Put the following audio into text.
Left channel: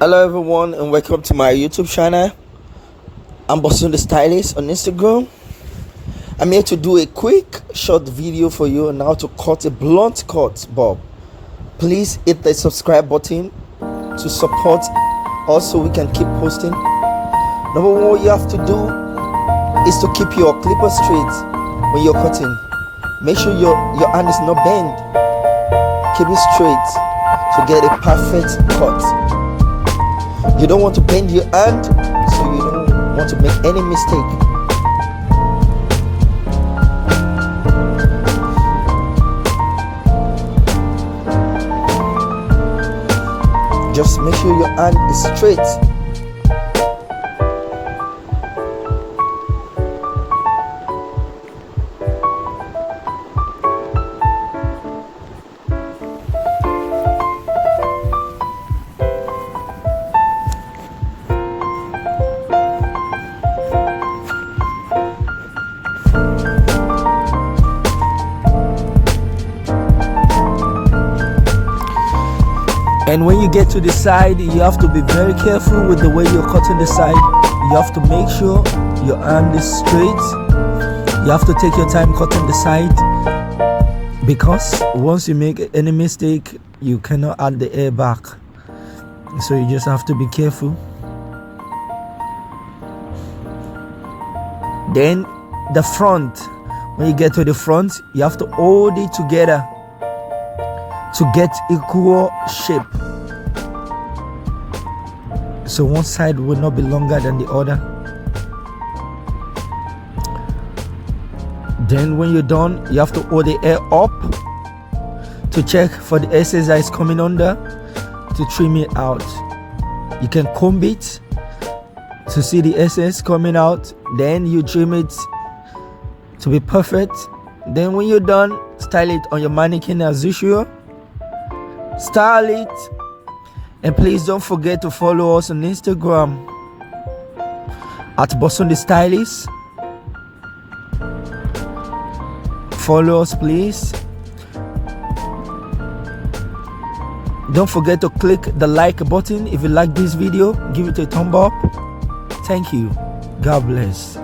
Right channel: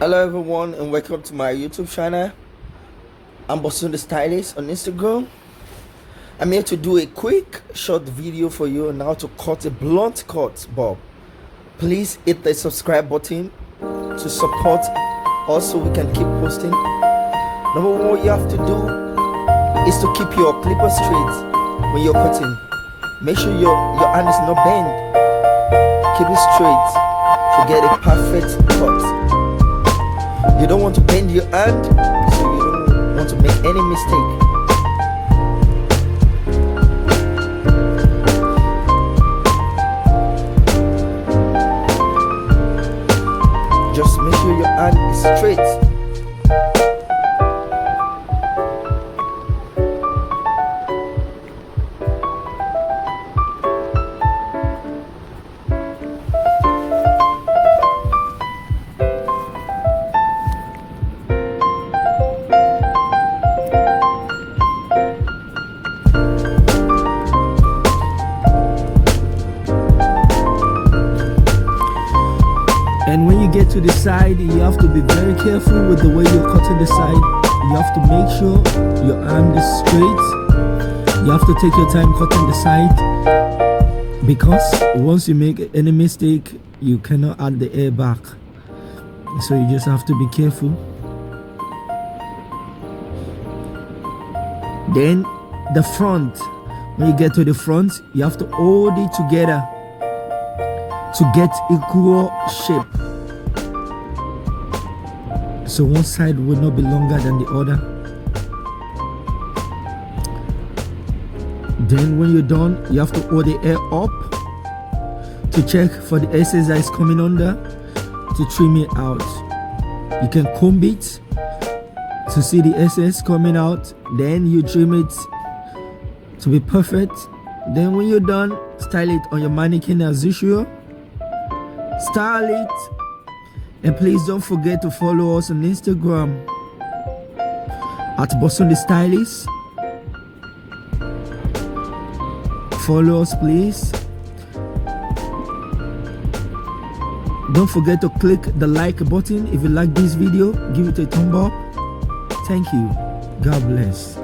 Hello everyone and welcome to my YouTube channel. I'm Bosun the Stylist on Instagram. I'm here to do a quick short video for you on how to cut a blunt cut bob. Please hit the subscribe button to support us so we can keep posting. Number one, what you have to do is to keep your clipper straight when you're cutting. Make sure your hand is not bent. Keep it straight to get a perfect cut. You don't want to bend your hand, so you don't want to make any mistake. Just make sure your hand is straight. And when you get to the side, you have to be very careful with the way you're cutting the side. You have to make sure your hand is straight. You have to take your time cutting the side, because once you make any mistake, you cannot add the air back. So you just have to be careful. Then the front, when you get to the front, you have to hold it together to get equal shape, so one side will not be longer than the other. Then when you're done, you have to hold the hair up to check for the excess that is coming under, to trim it out. You can comb it to see the excess coming out, then you trim it to be perfect. Then when you're done, style it on your mannequin as usual. Style it, and please don't forget to follow us on Instagram at Bosun the Stylist. Follow us, please. Don't forget to click the like button if you like this video. Give it a thumb up. Thank you. God bless.